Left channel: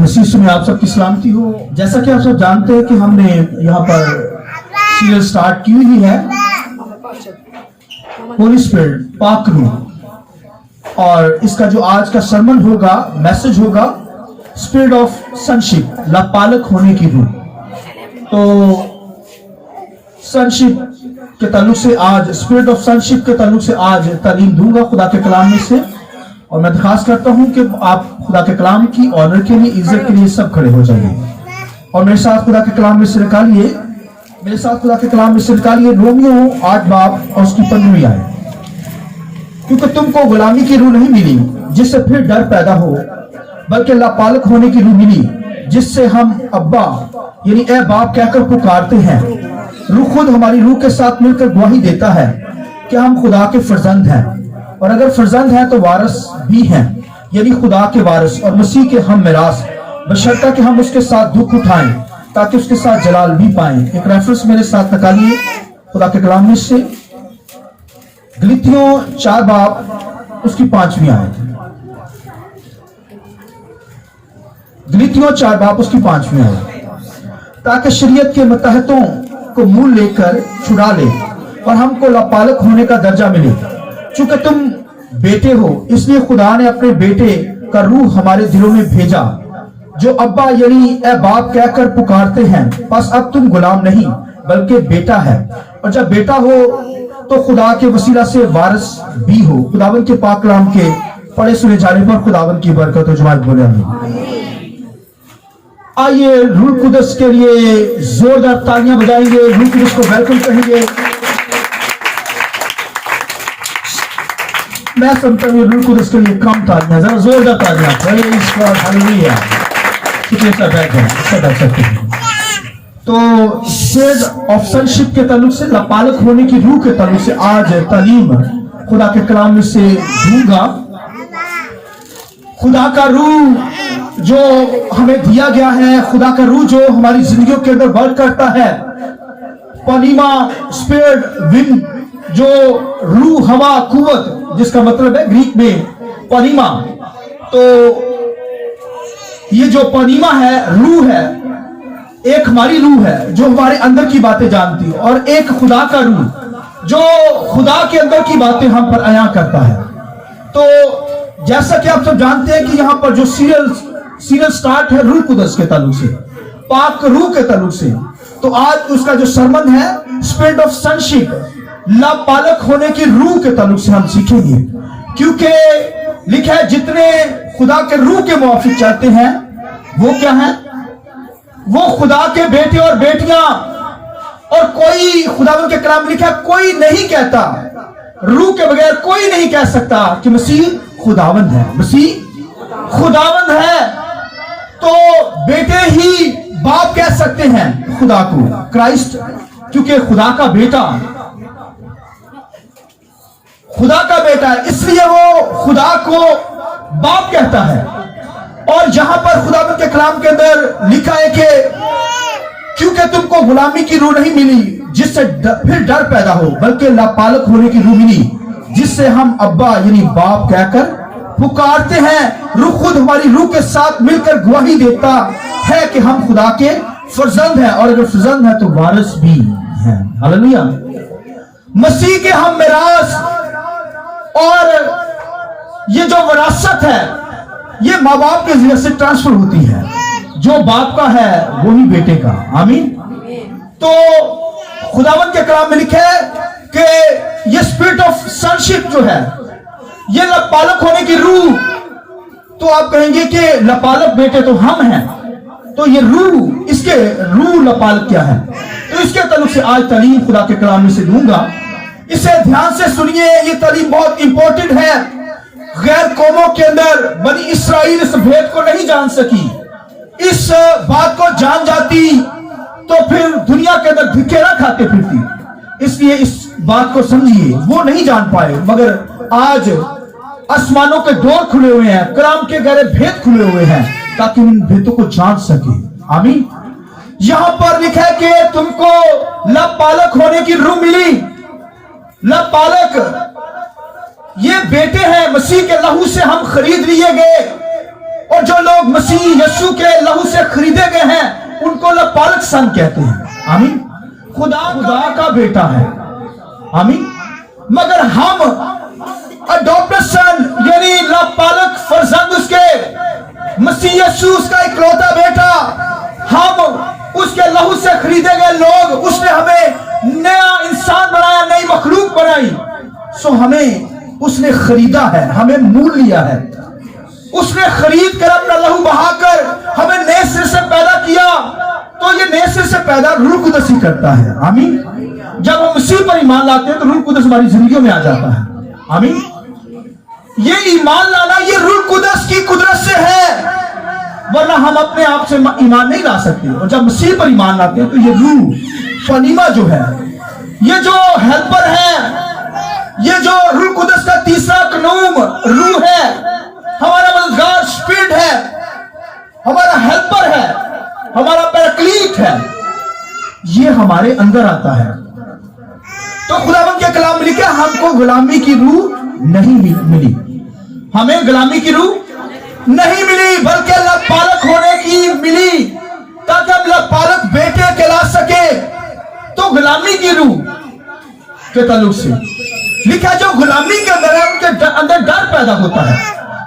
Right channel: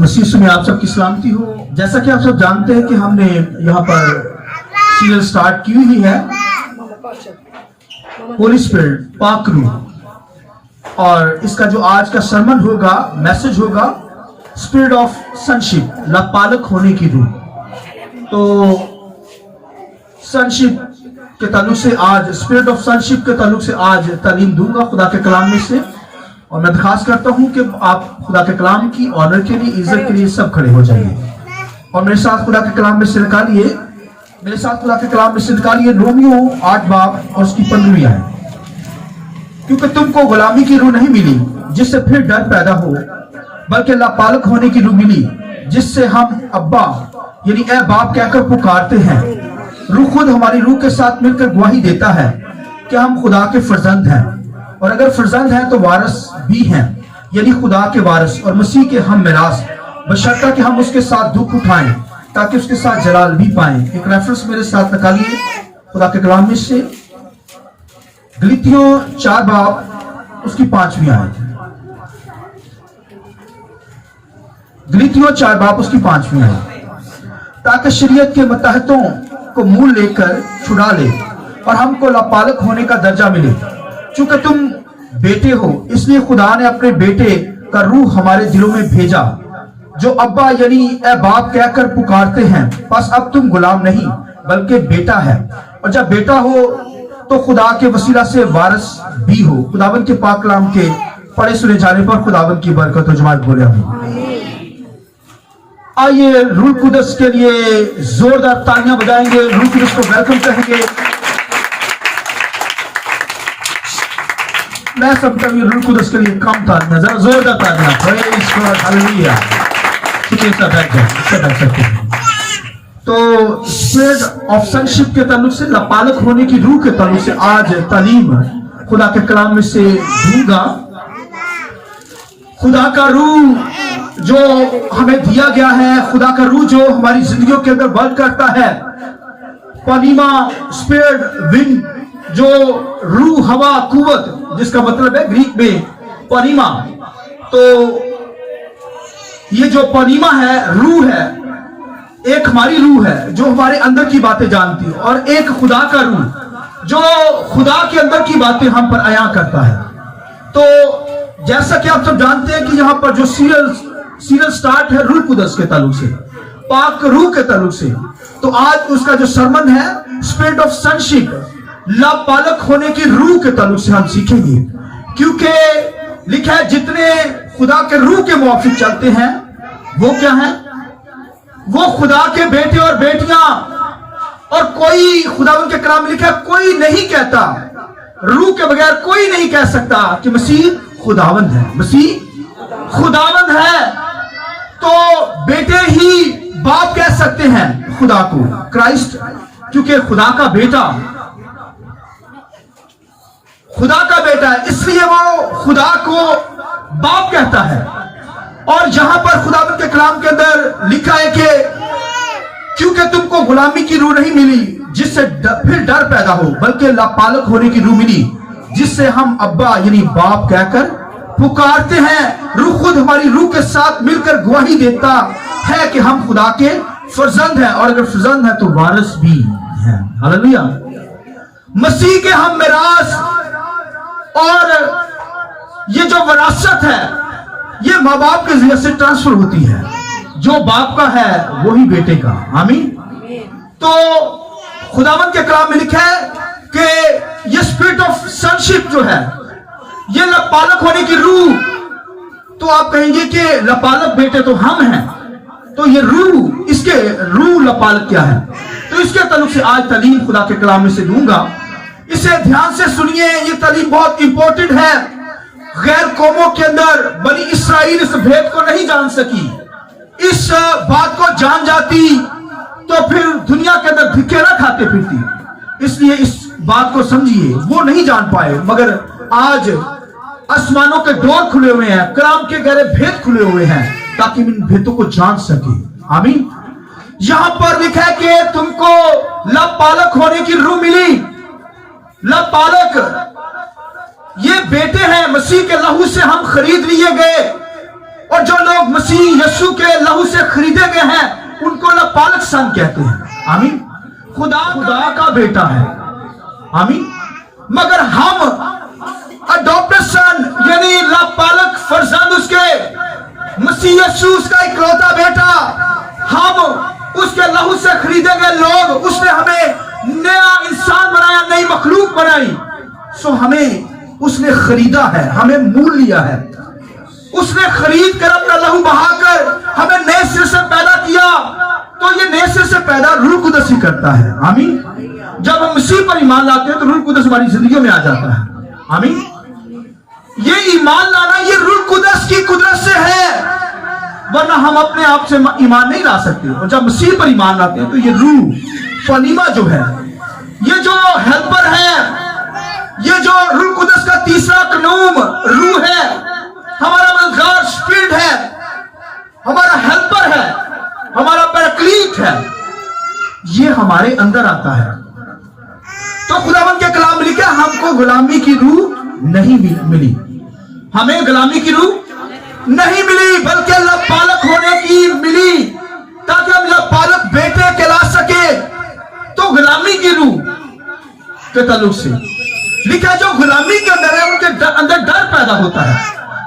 मसीह से आप सबकी सलामती हो। जैसा कि आप सब जानते हैं कि हमने यहाँ पर सीरियल स्टार्ट की हुई है होली स्पिरिट, पाक रूह, और इसका जो आज का सरमन होगा, मैसेज होगा, स्पिरिट ऑफ सनशिप, लापालक होने की रूह। तो सनशिप के ताल्लुक से आज, स्पिरिट ऑफ सनशिप के ताल्लुक से आज तालीम दूंगा खुदा के कलाम में से, और मैं दरखास्त करता हूं कि आप खुदा के कलाम की ऑनर के लिए, इज्जत के लिए सब खड़े हो जाइए और मेरे साथ खुदा के कलाम में से निकालिए, मेरे साथ खुदा के कलाम में से निकालिए रोमियो 8 बाब और उसकी 15वीं आयत। क्योंकि तुमको गुलामी की रूह नहीं मिली जिससे फिर डर पैदा हो, बल्कि लापालक होने की रूह मिली जिससे हम अब्बा यानी ए बाप कहकर पुकारते हैं। रूह खुद हमारी रूह के साथ मिलकर गवाही देता है कि हम खुदा के फर्जंद हैं, और अगर फर्जंद हैं तो वारिस भी हैं, यानी खुदा के वारिस और मसीह के हम मिरास, बशर्ता कि हम उसके साथ दुख उठाएं ताकि उसके साथ जलाल भी पाएं। एक रेफरेंस मेरे साथ निकालिए खुदा के कलाम में से, गलीतियों 4 बाब उसकी 5वीं आयत। गलीतियों 4 बाब उसकी 5वीं आयत। ताकि शरीयत के मतहतों को मूल लेकर छुड़ा ले और हमको लापालक होने का दर्जा मिले। चूंकि तुम बेटे हो, इसलिए खुदा ने अपने बेटे का रूह हमारे दिलों में भेजा, जो अब्बा यानी ए बाप कहकर पुकारते हैं। बस अब तुम गुलाम नहीं बल्कि बेटा है, और जब बेटा हो तो खुदा के वसीला से वारिस भी हो। खुदावन के पाक कलाम के पढ़े सुने जाने पर खुदावन की बरकत हो। जमात बोले आमीन। आइए रूह कुदस के लिए जोरदार तालियां बजाएंगे, रूह कुदस को वेलकम कहेंगे। मैं समझता हूँ रूह कुदस के लिए कम तालियां, जरा जोरदार तालियां। हालेलुया। तो स्पिरिट ऑफ सनशिप के ताल्लुक से, लापालक होने की रूह के ताल्लुक से आज तालीम खुदा के कलाम में से दूंगा। खुदा का रूह जो हमें दिया गया है, खुदा का रूह जो हमारी जिंदगियों के अंदर वर्क करता है, पनीमा स्पिरिट विंड, जो रूह हवा कुवत, जिसका मतलब है ग्रीक में पनीमा। तो ये जो पनीमा है, रूह है, एक हमारी रूह है जो हमारे अंदर की बातें जानती है, और एक खुदा का रूह जो खुदा के अंदर की बातें हम पर अयां करता है। तो जैसा कि आप सब जानते हैं कि यहाँ पर जो सीरियल स्टार्ट है रूह कुदस के ताल्लुक से, पाक रूह के ताल्लुक से, तो आज उसका जो सरमन है स्पिरिट ऑफ सनशिप, लापालक होने की रूह के ताल्लुक से हम सीखेंगे। क्योंकि लिखा है जितने खुदा के रूह के मुआफिक चलते हैं वो क्या है, वो खुदा के बेटे और बेटियां। और कोई, खुदावन के कलाम में लिखा है, कोई नहीं कहता, रूह के बगैर कोई नहीं कह सकता कि मसीह खुदावंद है, मसीह खुदावंद है। तो बेटे ही बाप कह सकते हैं खुदा को, क्राइस्ट, क्योंकि खुदा का बेटा है, इसलिए वो खुदा को बाप कहता है। और जहां पर खुदावंद के कलाम के अंदर लिखा है कि क्योंकि तुमको गुलामी की रूह नहीं मिली जिससे फिर डर पैदा हो, बल्कि लापालक होने की रूह मिली जिससे हम अब्बा यानी बाप कहकर पुकारते हैं। रूह खुद हमारी रूह के साथ मिलकर गवाही देता है कि हम खुदा के फर्जंद हैं, और अगर फर्जंद है तो वारिस भी हैं। हालेलुया। मसीह के हम मिरास, और ये जो विरासत है ये माँ बाप के जरिए से ट्रांसफर होती है, जो बाप का है वही बेटे का। आमीन। तो खुदावन के कलाम में लिखा है कि ये स्पिरिट ऑफ सनशिप जो है, ये लापालक होने की रूह। तो आप कहेंगे कि लापालक बेटे तो हम हैं, तो ये रूह, इसके रूह लापालक क्या है? तो इसके ताल्लुक से आज तालीम खुदा के कलाम में से दूंगा। इसे ध्यान से सुनिए, ये तालीम बहुत इंपॉर्टेंट है। गैर कौमों के अंदर बनी इसराइल इस भेद को नहीं जान सकी। इस बात को जान जाती तो फिर दुनिया के अंदर धिक्केरा खाते फिरती। इसलिए इस बात को समझिए, वो नहीं जान पाए, मगर आज आसमानों के डोर खुले हुए हैं, कलाम के गहरे भेद खुले हुए हैं, ताकि इन भेदों को जान सके। आमीन। यहां पर लिखा है कि तुमको लापालक होने की रूह मिली। लापालक ये बेटे हैं, मसीह के लहू से हम खरीद लिए गए, और और जो लोग मसीह यीशु के लहू से खरीदे गए हैं उनको अल्लाह पालक सन कहते हैं। आमीन। खुदा का बेटा है। आमीन। मगर हम अडॉप्टेड सन यानी लापालक फर्जंद उसके मसीह यीशु उसका इकलौता बेटा, हम उसके लहू से खरीदे गए लोग, उसने हमें नया इंसान बनाया, नई मखलूक बनाई। सो हमें उसने खरीदा है, हमें मूल लिया है। उसने खरीद कर अपना लहू बहाकर हमें नए सिरे से पैदा किया। तो ये नए सिरे से पैदा रूह कुदस ही करता है। आमीन। जब हम मसीह पर ईमान लाते हैं तो रूह कुदस हमारी जिंदगी में आ जाता है। आमीन। ये ईमान लाना ये रूह कुदस की कुदरत से है, वरना हम अपने आप से ईमान नहीं ला सकते। और जब मसीह पर ईमान लाते हैं तो ये रूह फनीमा जो है, ये जो हेल्पर है, ये जो रूह कुदस का तीसरा कनूम रूह है, हमारा मददगार स्पिरिट है, हमारा हेल्पर है, हमारा पैराक्लीट है, ये हमारे अंदर आता है। तो खुदावंद के कलाम में लिखा हमको गुलामी की रूह नहीं मिली, हमें गुलामी की रूह नहीं मिली, बल्कि अल्लाह पालक होने की मिली, ताकि हम अल्लाह पालक बेटे कहला सके। तो गुलामी की रूह के ताल्लुक से लिखा जो गुलामी के अंदर है उनके अंदर डर पैदा होता है।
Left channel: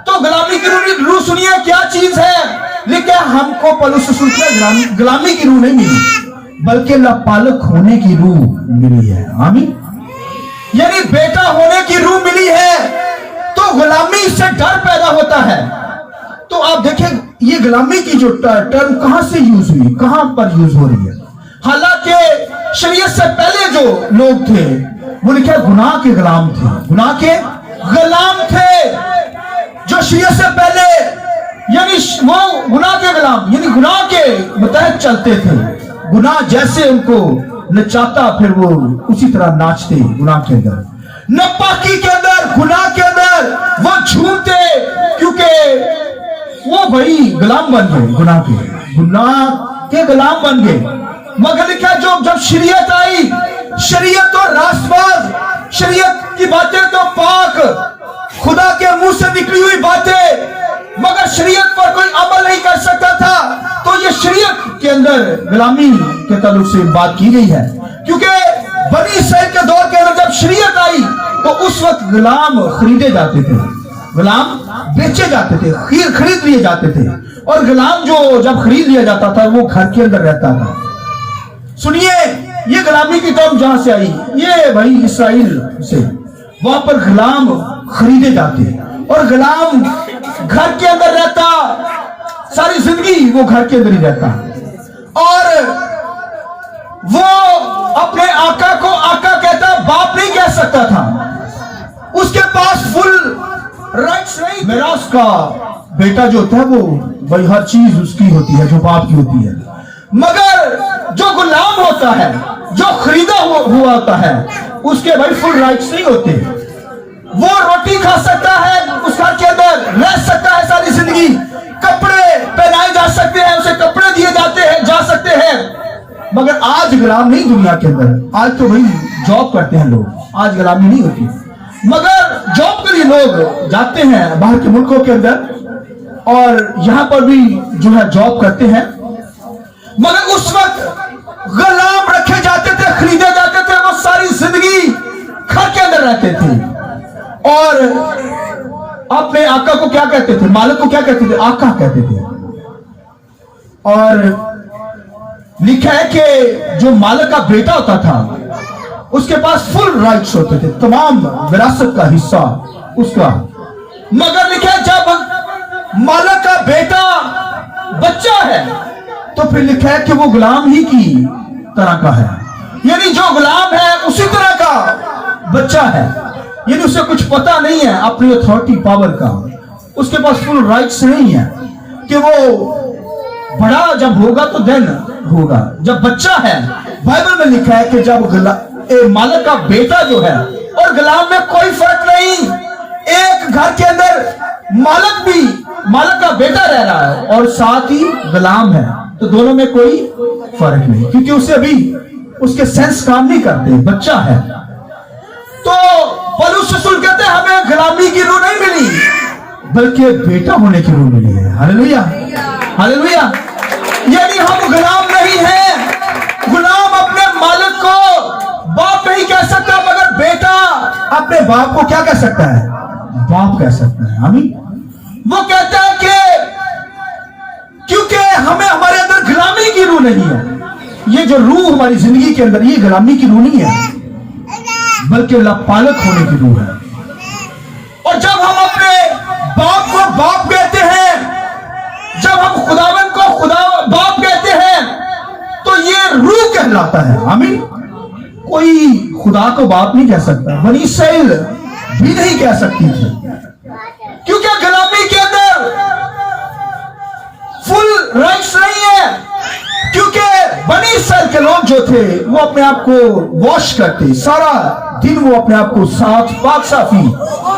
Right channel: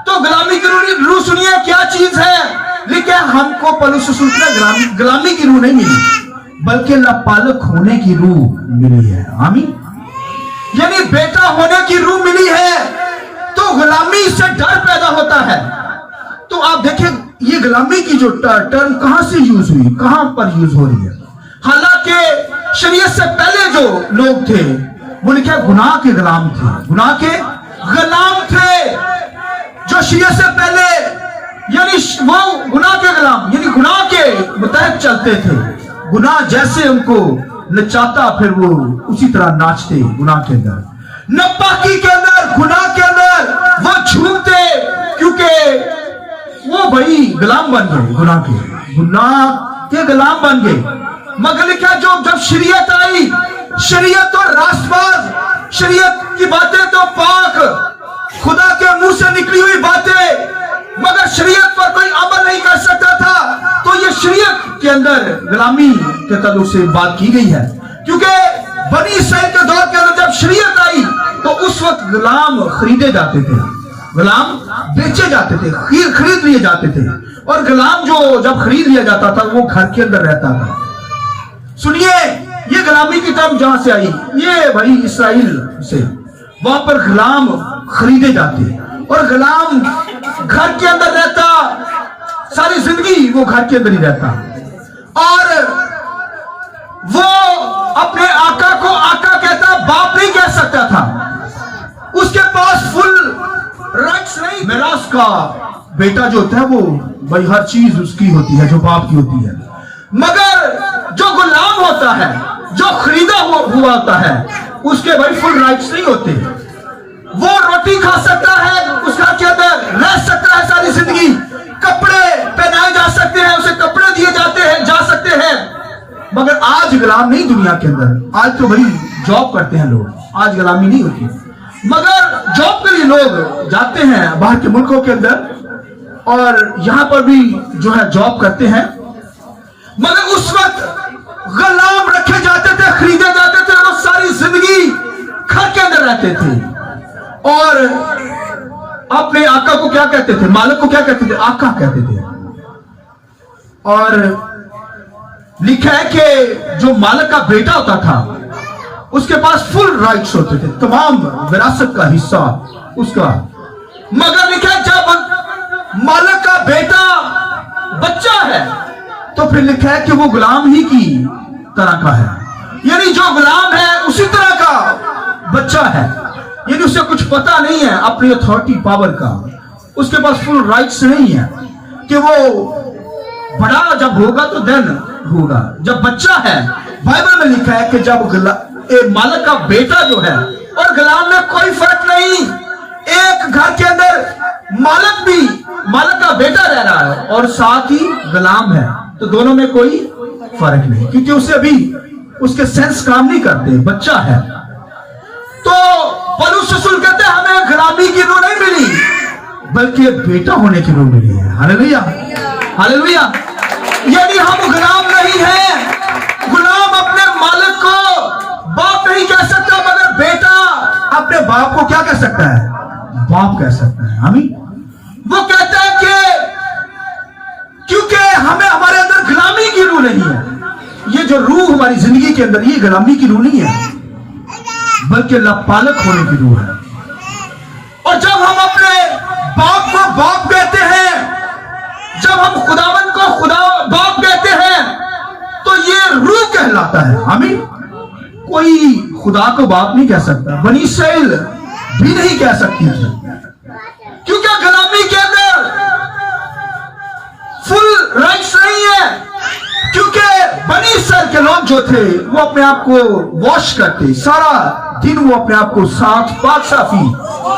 तो गुलामी की रूह सुनिए क्या चीज है। लिखा हमको पौलुस रसूल के गुलामी की रूह नहीं मिली, बल्कि अल्लाह पालक होने की रूह मिली है। आमीन। यानी बेटा होने की रूह मिली है। तो गुलामी से डर पैदा होता है। तो आप देखें ये गुलामी की जो टर्म कहां से यूज हुई, कहां पर यूज हो रही है। हालांकि शरीयत से पहले जो लोग थे वो लिखा गुनाह के गुलाम थे, गुनाह के गुलाम थे जो शरीयत से पहले, यानी वो गुनाह के गुलाम यानी गुनाह के मुताबिक चलते थे। गुनाह जैसे उनको नचाता फिर वो उसी तरह नाचते गुनाह के अंदर, नापाकी के अंदर, गुनाह के अंदर वो झूमते, क्योंकि वो भाई गुलाम बन गए, गुनाह के गुलाम बन गए। मगर क्या जो जब शरीयत आई, शरीयत तो रास्तबाज, शरीयत की बातें तो पाक, खुदा के मुंह से निकली हुई बातें, मगर शरीयत पर कोई अमल नहीं कर सकता था। तो ये शरीयत के अंदर गुलामी के ताल्लुक से बात की गई है, क्योंकि बनी इसराइल के दौर के अंदर जब शरीयत आई तो उस वक्त गुलाम खरीदे जाते थे, गुलाम बेचे जाते थे, खरीद लिए जाते थे। और गुलाम जो जब खरीद लिया जाता था वो घर के अंदर रहता था। सुनिए ये गुलामी की टर्म जहां से आई, ये भाई इसराइल से, वहां पर गुलाम खरीदे जाते और गुलाम घर के अंदर रहता, सारी जिंदगी वो घर के अंदर ही रहता। और वो अपने आका को आका कहता, बाप नहीं कह सकता था, उसके पास फुल राइट्स नहीं। मिरास का बेटा जो होता है वो भाई हर चीज उसकी होती है जो बाप की होती है, मगर जो गुलाम होता है, जो खरीदा हुआ होता है, उसके भाई फुल राइट्स नहीं होते। वो रोटी खा सकता है, उस घर के अंदर रह सकता है सारी जिंदगी, कपड़े पहनाए जा सकते हैं, उसे कपड़े दिए जाते हैं, जा सकते हैं। मगर आज गुलाम नहीं दुनिया के अंदर। आज तो भाई जॉब करते हैं लोग, आज गुलामी नहीं होती, मगर जॉब के लिए लोग जाते हैं बाहर के मुल्कों के अंदर और यहां पर भी जो है जॉब करते हैं। मगर उस वक्त गुलाम रखे जाते थे, खरीदे जाते थे, वो सारी जिंदगी घर के अंदर रहते थे और अपने आका को क्या कहते थे, मालिक को क्या कहते थे, आका कहते थे। और लिखा है कि जो मालिक का बेटा होता था उसके पास फुल राइट्स होते थे, तमाम विरासत का हिस्सा उसका। मगर लिखा है जब मालिक का बेटा बच्चा है तो फिर लिखा है कि वो गुलाम ही की तरह का है, यानी जो गुलाम है उसी तरह का बच्चा है, यानी उसे कुछ पता नहीं है अपनी अथॉरिटी पावर का, उसके पास फुल राइट्स नहीं है कि वो बड़ा जब होगा तो देन होगा। जब बच्चा है, बाइबल में लिखा है कि जब मालिक का बेटा जो है और गुलाम में कोई फर्क नहीं, एक घर के अंदर मालिक भी मालिक का बेटा रह रहा है और साथ ही गुलाम है, तो दोनों में कोई फर्क नहीं, क्योंकि उसे अभी उसके सेंस काम नहीं करते, बच्चा है। तो पौलुस रसूल कहते हैं हमें गुलामी की रूह नहीं मिली, बल्कि बेटा होने की रूह मिली है। हैं। Hallelujah, hallelujah. यानी हम गुलाम नहीं हैं। गुलाम अपने मालिक को बाप नहीं कह सकता, मगर बेटा अपने बाप को क्या कह सकता है? बाप कह सकता है। आमीन। वो कहता है कि क्योंकि हमें हमारे अंदर गुलामी की रूह नहीं है। ये जो रूह हमारी जिंदगी के अंदर, ये गुलामी की रूह नहीं है, बल्कि पालक होने की रूह है। और जब हम अपने बाप को बाप कहते हैं, जब हम खुदावन को खुदा बाप कहते हैं, तो ये रूह कहलाता है। आमीन। कोई खुदा को बाप नहीं कह सकता, बनी इस्राएल भी नहीं कह सकती थी, क्योंकि गुलामी के अंदर फुल राइट्स नहीं है। क्योंकि बनी इस्राएल के लोग जो थे वो अपने आप को वॉश करते, सारा दिन वो अपने आप को साफ पाक साफी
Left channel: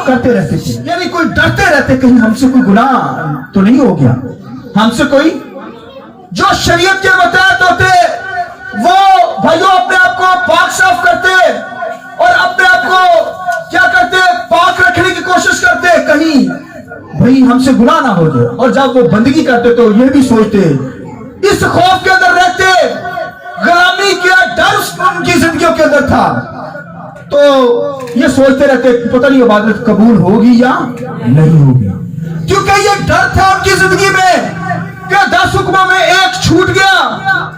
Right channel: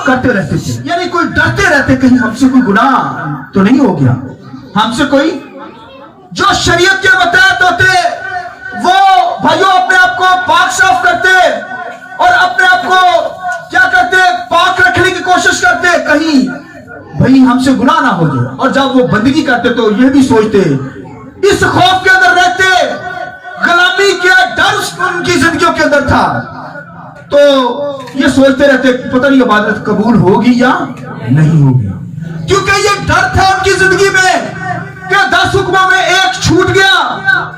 करते रहते थे। यानी कोई डरते रहते कहीं हमसे कोई गुनाह तो नहीं हो गया, हमसे कोई जो शरीयत के मुताबिक होते वो भाइयों अपने आप को पाक साफ करते और अपने आप को क्या करते, पाक रखने की कोशिश करते, कहीं भाई हमसे गुनाह ना हो जाए। और जब वो बंदगी करते तो ये भी सोचते, इस खौफ के अंदर रहते, गुलामी का डर उनकी जिंदगियों के अंदर था, तो ये सोचते रहते पता नहीं इबादत कबूल होगी या नहीं होगी, क्योंकि ये डर था उनकी जिंदगी में कि 10 हुक्मों में एक छूट गया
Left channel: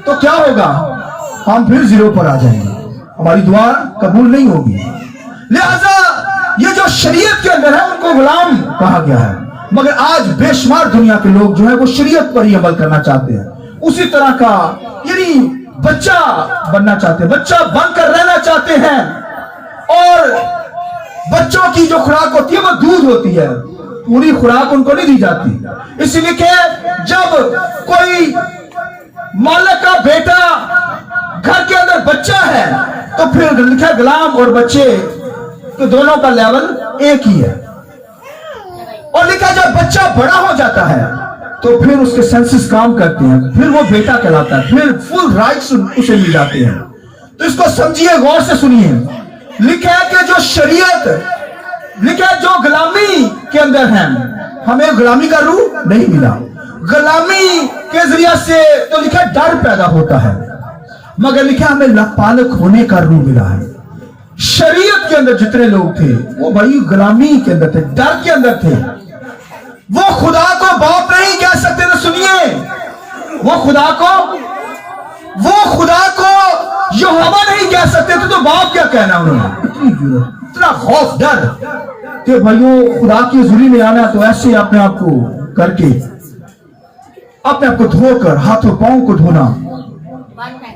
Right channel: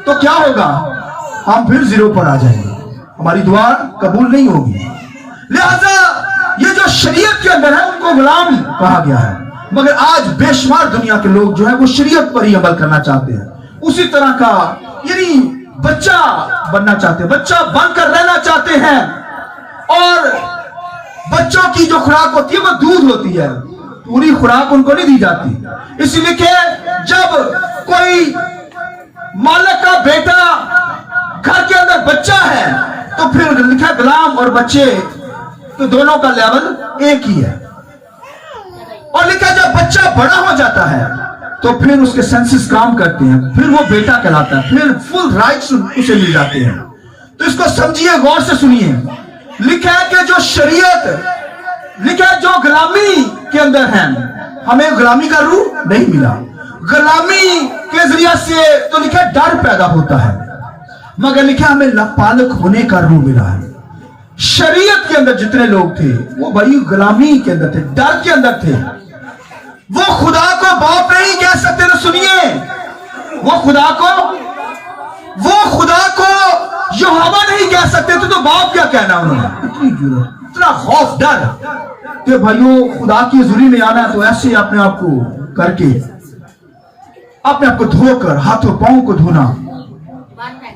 तो क्या होगा, हम फिर जीरो पर आ जाएंगे, हमारी दुआ कबूल नहीं होगी। लिहाजा ये जो शरीयत के अंदर है उनको गुलाम कहा गया है। मगर आज बेशुमार दुनिया के लोग जो है वो शरीयत पर ही अमल करना चाहते हैं, उसी तरह का यानी बच्चा बनना चाहते हैं, बच्चा बनकर रहना चाहते हैं। और बच्चों की जो खुराक होती है वो दूध होती है, पूरी खुराक उनको नहीं दी जाती। इसलिए कि जब कोई मालिक का बेटा घर के अंदर बच्चा है तो फिर लिखा गुलाम और बच्चे तो दोनों का लेवल एक ही है। और लिखा जब बच्चा बड़ा हो जाता है तो फिर उसके सेंसेस काम करते हैं, फिर वो बेटा कहलाता है, फिर फुल राइट्स उसे मिल जाते हैं। तो इसको समझिए, गौर से सुनिए। लिखा है कि जो शरीयत लिखा है जो गुलामी के अंदर है, हमें गुलामी का रूह नहीं मिला। गुलामी के जरिए से तो लिखा डर पैदा होता है, मगर लिखा हमें पालक होने का रूह मिला है। शरीयत के अंदर जितने लोग थे वो बड़ी गुलामी के अंदर थे, डर के अंदर थे। वो खुदा को बाप नहीं कह सकते थे। सुनिए, वो खुदा को यहोवा नहीं कह सकते थे, तो बाप क्या कहना उन्होंने। इतना खौफ डर कि भाइयों खुदा की हुजूरी में आना तो ऐसे अपने आप को करके अपने आप को धोकर हाथों पांव को धोना,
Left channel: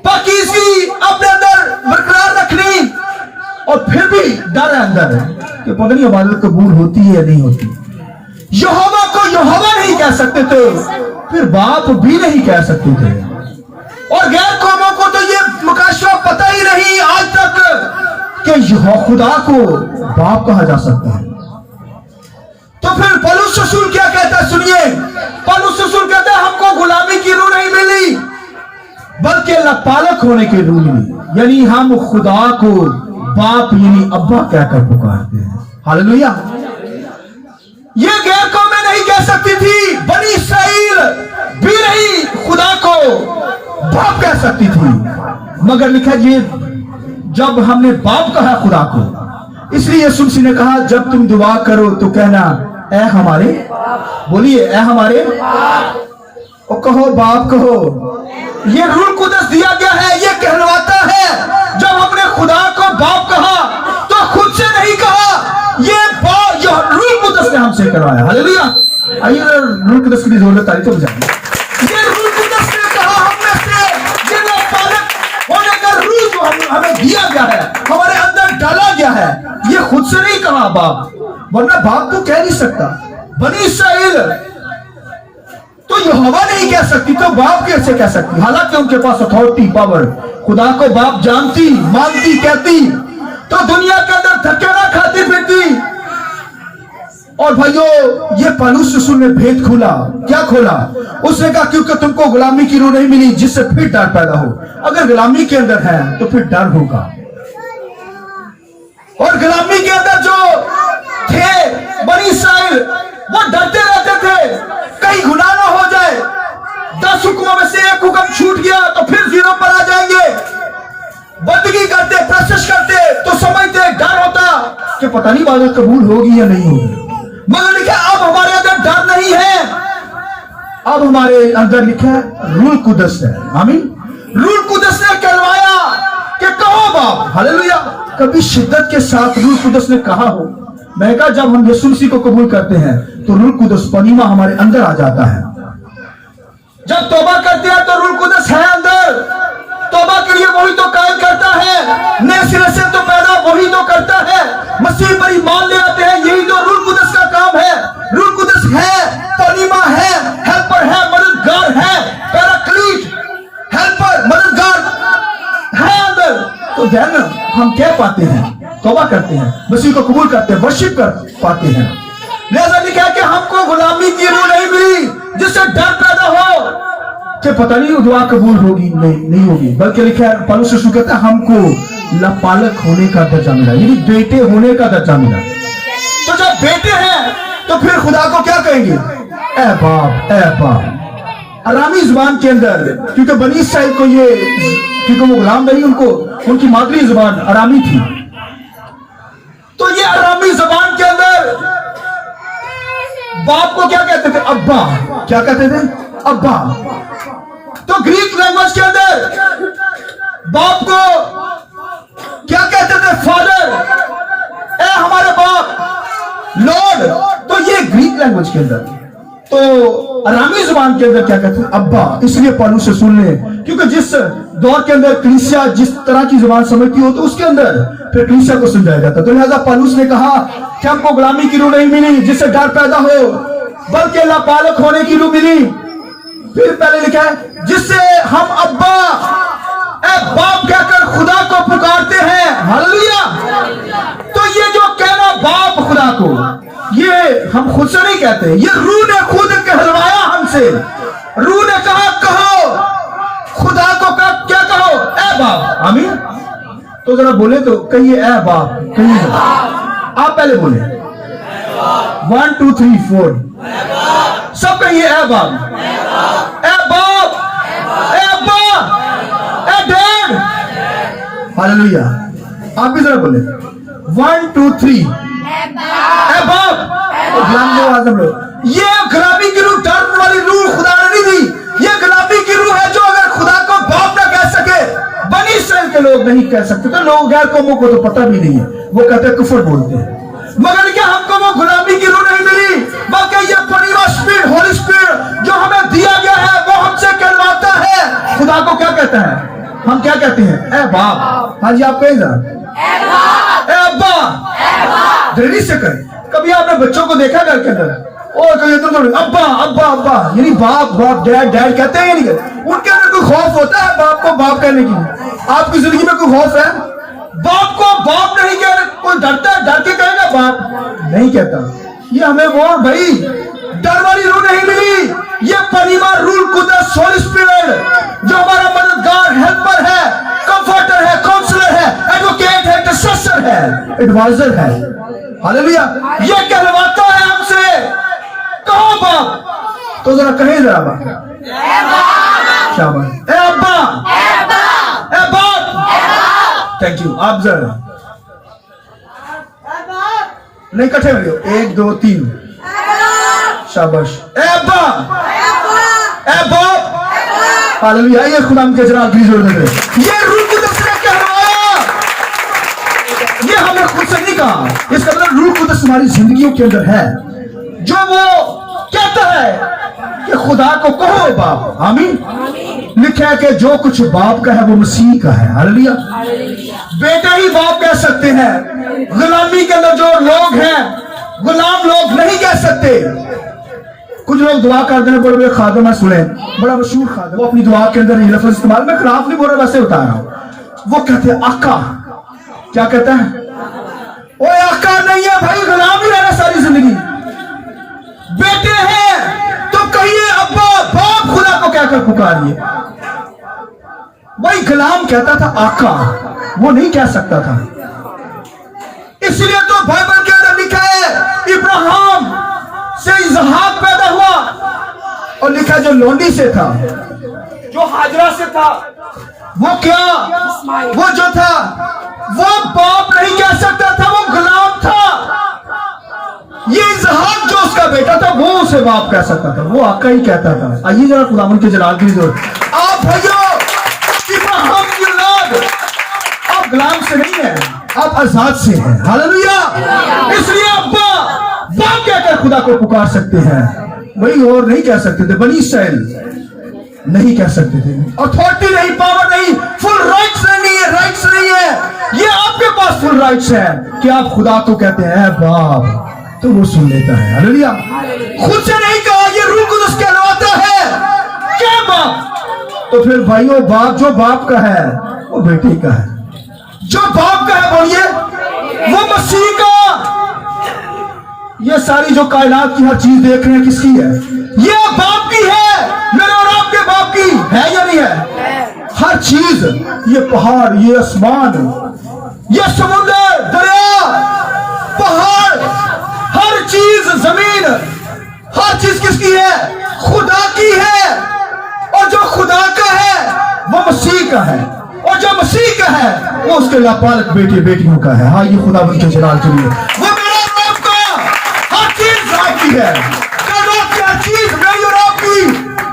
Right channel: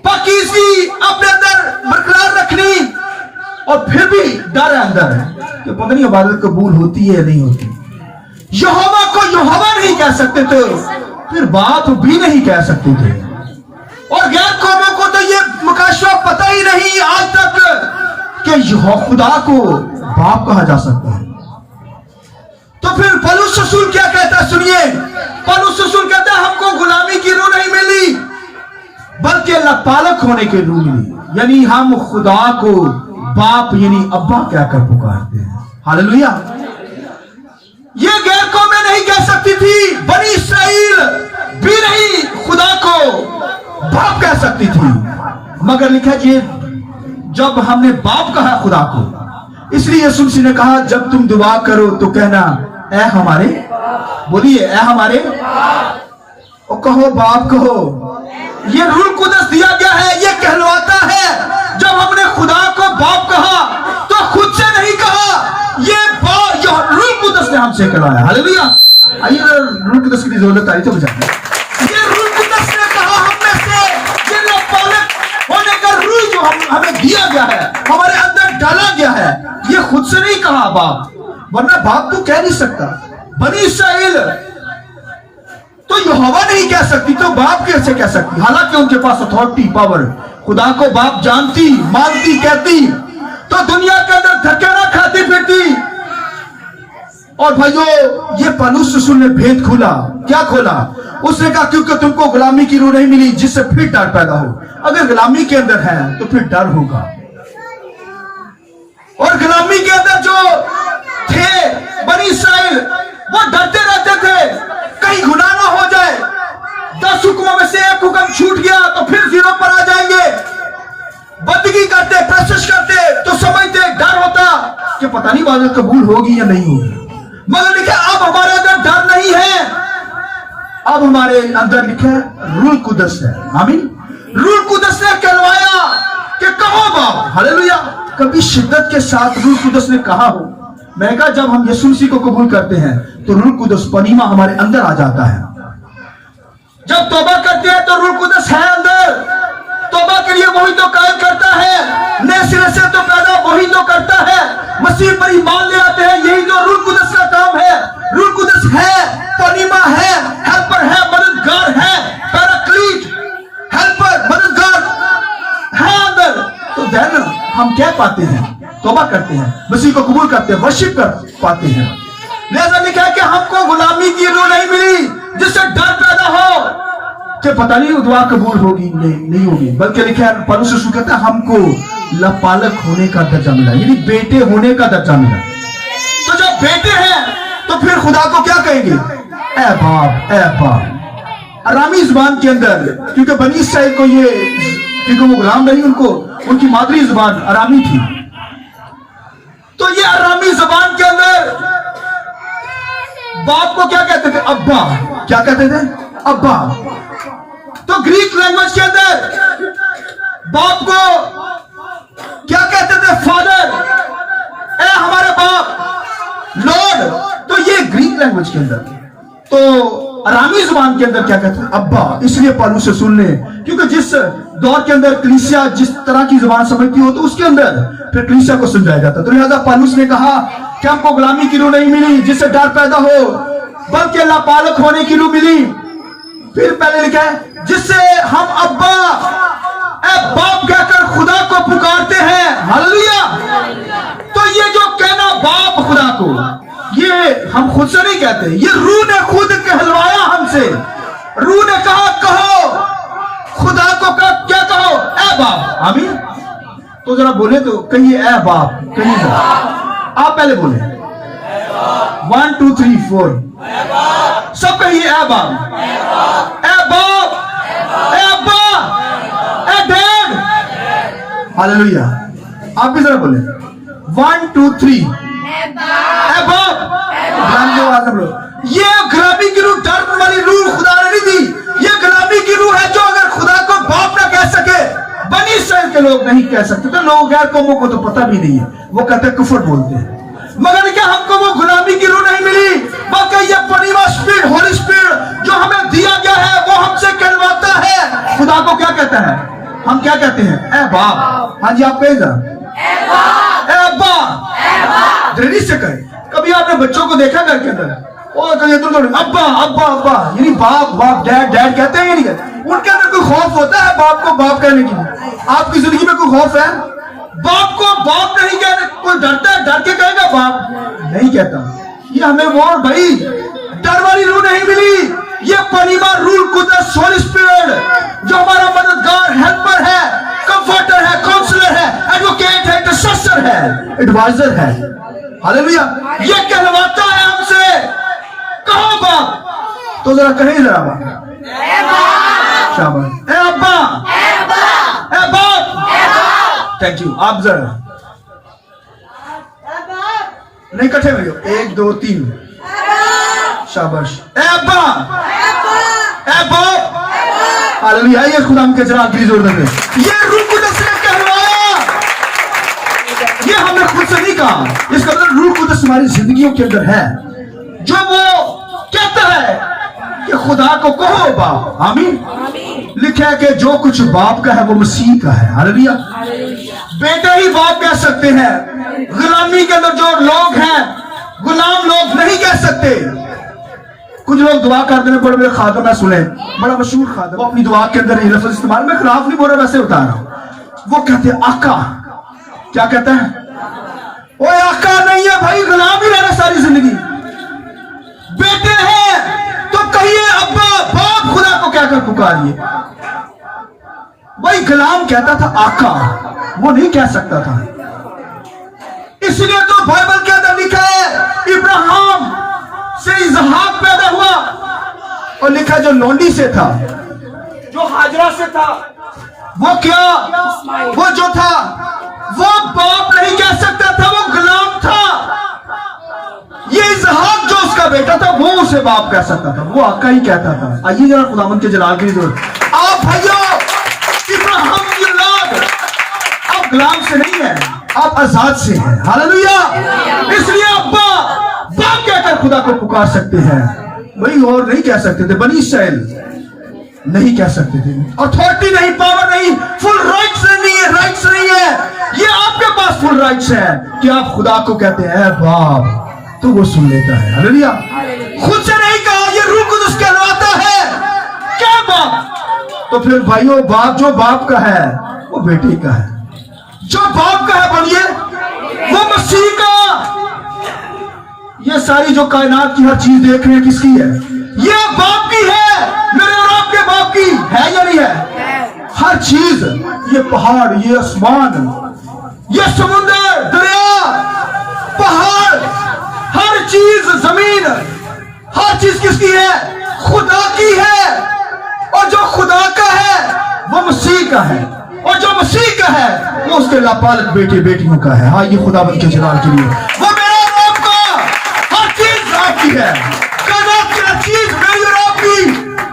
पाकीज़गी अपने अंदर बरकरार रखनी। और फिर भी डर है अंदर कि पता नहीं इबादत कबूल होती है या नहीं होती। यहोवा को यहोवा नहीं कह सकते थे, फिर बाप भी नहीं कह सकते थे। और गैर कौमों को तो ये मुकाशरा पता ही नहीं आज तक कि खुदा को बाप कहा जा सकता है। तो फिर पौलुस रसूल क्या कहता है, सुनिए। पौलुस रसूल कहता है हमको गुलामी की रूह नहीं मिली, बल्कि अल्लाह पालक होने की रूह मिली। यानी हम खुदा को बाप यानी अब्बा कहकर पुकारते हैं। हालेलुया। ये गैर कौमें नहीं कह सकती थी, बनी इस्राएल भी नहीं खुदा को बाप कह सकती थी। मगर लिखा जी जब हमने बाप कहा खुदा को, इसलिए यीशु मसीह ने कहा जब तुम दुआ करो तो कहना ऐ हमारे, बोलिए ऐ हमारे, और कहो बाप कहो। ये रूल कुदस दिया गया है, ये कहलवाता है। जब हमने खुदा को बाप कहा तो खुद से नहीं कहा, ये रूल कुदस ने हमसे करवाया। हालेलुया। आइए रूल कुदस की जरूरत आई तो बजाइए। ये रूल कुदस ने कहा हमने से, ये पालक होने का रूल जो हमें दिया गया है, हमारे अंदर डाला गया है, ये खुद से नहीं कहा बाप, वरना बाप तो कह नहीं सकता। बनी इस्राएल तो यहोवा नहीं कह सकती, तो बाप कैसे कह सकती। हालांकि उनके पास अथॉरिटी पावर, खुदा को बाप जानती, मानती, कहती तो दुनिया के अंदर धक्के ना खाती फिरती। और भाइयों ये पौलुस रसूल ने भेद खोला। क्या खोला? उसने कहा क्योंकि तुमको गुलामी की रूह नहीं मिली जिससे फिर डर पैदा हो। अगर गुलामी के अंदर है तो फिर डर होगा। और गुलामी के अंदर जो थे बनी इस्राएल वो डरते रहते थे कहीं गुनाह 10 हुक्मों में से एक हुक्म छूट गया तो फिर जीरो पर आ जाएंगे। बंदगी करते, प्रशंस करते तो समझते, डर होता कि पता नहीं बात कबूल होगी या नहीं होगी। मगर लिखा अब हमारे अंदर डर नहीं है, अब हमारे अंदर लिखा रूह कुदस है। आमीन। रूह कुदस ने कहलवाया कि कहो बाप, हालेलुया। कभी शिद्दत के साथ रूह कुदस ने कहा हो? मैं कहा जब हम यीशु मसीह को कबूल करते हैं तो रूह कुदस पनीमा हमारे अंदर आ जाता है। जब तौबा करते हैं तो रूह कुदस है अंदर, तौबा के लिए वही तो कायल करता है, नए सिरे से तो पैदा वही तो करता है। मसीह पर ईमान ले आते हैं, यही तो रूह कुदस का काम है। रूह कुदस है, पनीमा है, हेल्पर है, मददगार है, पैराक्लीट, हेल्पर, मददगार है अंदर। तो देन हम क्या पाते हैं? तौबा करते हैं, मसीह को कबूल करते हैं, वर्शिप कर पाते हैं। लिहाजा लिखा है कि हमको गुलामी की रूह नहीं मिली जिससे डर पैदा हो कि पता नहीं दुआ कबूल होगी नहीं होगी, बल्कि लिखा है पौलुस रसूल कहता है हमको लपालक होने का दर्जा मिला, यानी बेटे होने का दर्जा मिला। तो जब बेटे हैं तो फिर खुदा को क्या कहेंगे? ए बाप, ए बाप। अरामी जुबान के अंदर, क्योंकि बनी इस्राइल को ये, क्योंकि वो गुलाम नहीं, उनको उनकी मादरी जुबान अरामी थी, तो ये अरामी जुबान के अंदर बाप को क्या कहते थे? अब्बा। क्या कहते थे? अब्बा। तो ग्रीक लैंग्वेज के अंदर बाप को क्या कहते थे? फादर। ए हमारे बाप, लॉर्ड। तो ये ग्रीक लैंग्वेज के अंदर। तो अरामी जुबान के अंदर क्या कहते हैं? अब्बा। इसलिए पौलुस से सुन ले, क्योंकि जिस दौर के अंदर कलीसिया जिस तरह की जुबान समझती हो तो उसके अंदर फिर कलीसिया को समझाया जाता। तो लिहाजा पौलुस ने कहा कि हमको गुलामी की रूह नहीं मिली जिससे डर पैदा हो, बल्कि लापालक होने की रूह मिली। फिर पहले लिखा है जिससे हम अब्बा, ए बाप कहकर खुदा को पुकारते हैं। हालेलुया। तो ये जो कहना बाप खुदा को, ये हम खुद से नहीं कहते, ये रूह ने खुद कहलवाया हमसे। रूह ने कहा कहो, खुदा को क्या कहो? ए बाप। आमीन। तो जरा बोले तो कहिए ए बाप, कहिए। आप पहले बोले 1 2 3 4 सब कहिए ए बाप, ए बाप, ए अब्बा, ए डैड। हालेलुया। आप भी जरा बोले 1 2 3 ए बाप। ये गुलामी की रूह, डर वाली रूह खुदा ने नहीं दी। ये गुलामी की रूह है जो अगर खुदा को बाप ना कह सके, बनी इस्राइल के लोग नहीं कह सकते, तो लोग गैर कौमों को तो पता भी नहीं है, वो कहते हैं कुफर बोलते हैं। मगर क्या हमको वो गुलामी की रूह नहीं मिली, बल्कि ये पनीमा स्पिरिट, होली स्पिरिट जो हमें दिया गया है वो हमसे कहलवाता है। खुदा को क्या कहता है? हम क्या कहते हैं? ए बाप। हाँ जी, आप कहें जरा ए अब्बा। जल्दी से करें। कभी आपने बच्चों को देखा घर के अंदर? और अब्बा अब्बा अब्बा, यानी बाप बाप, डैड डैड कहते हैं या नहीं कहते? उनके अंदर कोई खौफ होता है बाप को बाप कहने की? आपकी जिंदगी में कोई खौफ है? बाप को बाप नहीं कहने कोई डरता है? डर के कहेगा बाप? नहीं कहता। ये हमें वो भाई डर वाली रूह नहीं मिली। ये पनीमा रूह कुदस, होली स्पिरिट जो हमारा मददगार, हेल्पर है, कंफर्टर है, काउंसलर है, एडवोकेट है, इंटरसेसर है, एडवाइजर है। हालेलुया। ये कहलवाता है हमसे कहो बाप। तो जरा कहें जरा बाप, शाबाश, ए अब्बा, ए बाप। Thank you. आप जरा नहीं, इकट्ठे हो, 1 2 3 शाबाश। ए अब्बा, ए बाप। हालेलुया। ये खुदा के जलाल की जरूरत है। ये रूह कुदस ने कहलवाया, ये हमें खुद से नहीं कहा। इसका मतलब रूह कुदस हमारी जिंदगियों के अंदर है, जो वो कहता है कि खुदा को कहो बाप। आमीन। लिखा है कि जो कुछ बाप का है वो मसीह का है। हालेलुया। बेटे ही बाप कह सकते हैं। गुलामी के अंदर जो लोग हैं, गुलाम लोग नहीं कह सकते। कुछ लोग दुआ करते हैं, बड़े बड़े खादम है, सुने, बड़ा मशहूर खादम, वो अपनी दुआ के अंदर ये लफ्ज इस्तेमाल, मैं खिलाफ नहीं बोल रहा, वैसे बता रहा हूं। वो कहते हैं आका। क्या कहता है? वो आका नहीं है भाई, गुलाम ही रहना सारी जिंदगी। बेटे हैं तो कहिए अब्बा बाप, खुदा को क्या कर पुकारिए। भाई गुलाम कहता था आका, वो नहीं कह सकता था। इसलिए तो बाइबल के अंदर लिखा है इब्राहिम से इसहाक पैदा हुआ, और लिखा जो लोंडी से था जो हाजरा से था, वो क्या, वो जो था वो बाप नहीं कह सकता था, वो गुलाम था। ये इसहाक जो उसका बेटा था वो उसे बाप कह सकता था, वो आका ही कहता था। आइए जरा खुदावन के जलाल की जोर। आप भाइयों, इब्राहिम की औलाद, आप गुलाम से नहीं है, आप आजाद से हैं। हालेलुया। इसलिए अब्बा बाप कहकर खुदा को पुकार सकते हैं, वही और नहीं कह सकते थे। बनी इसराइल नहीं कह सकते थे। अथॉरिटी नहीं, पावर नहीं, फुल राइट्स नहीं है, राइट्स नहीं है। ये आपके पास फुल राइट्स है कि आप खुदा को कहते हैं बाप, तो वो सुन लेता है। हालेलुया। खुद से नहीं कहा, ये रूह कुदस कहलाता है क्या बाप। तो फिर भाइयों, बाप जो बाप का है वो बेटे का है, जो बाप का है बोलिए वो मसीह का। ये सारी जो कायनात की हर चीज देख रहे हैं किसकी है? ये बाप की है, मेरे और आपके बाप की है या नहीं है? हर चीज, ये पहाड़, ये आसमान, ये समुद्र, दरिया, पहाड़, हर चीज, जमीन, हर चीज किसकी है? खुदा की है। और जो खुदा का है वो मसीह का है, और जो मसीह का है वो उसके लापालक बेटे बेटियों का है। हाँ, ये खुदा बन के जलाल के लिए वो मेरा और आपका, हर चीज आपकी है। क्या चीज मेरी और आपकी,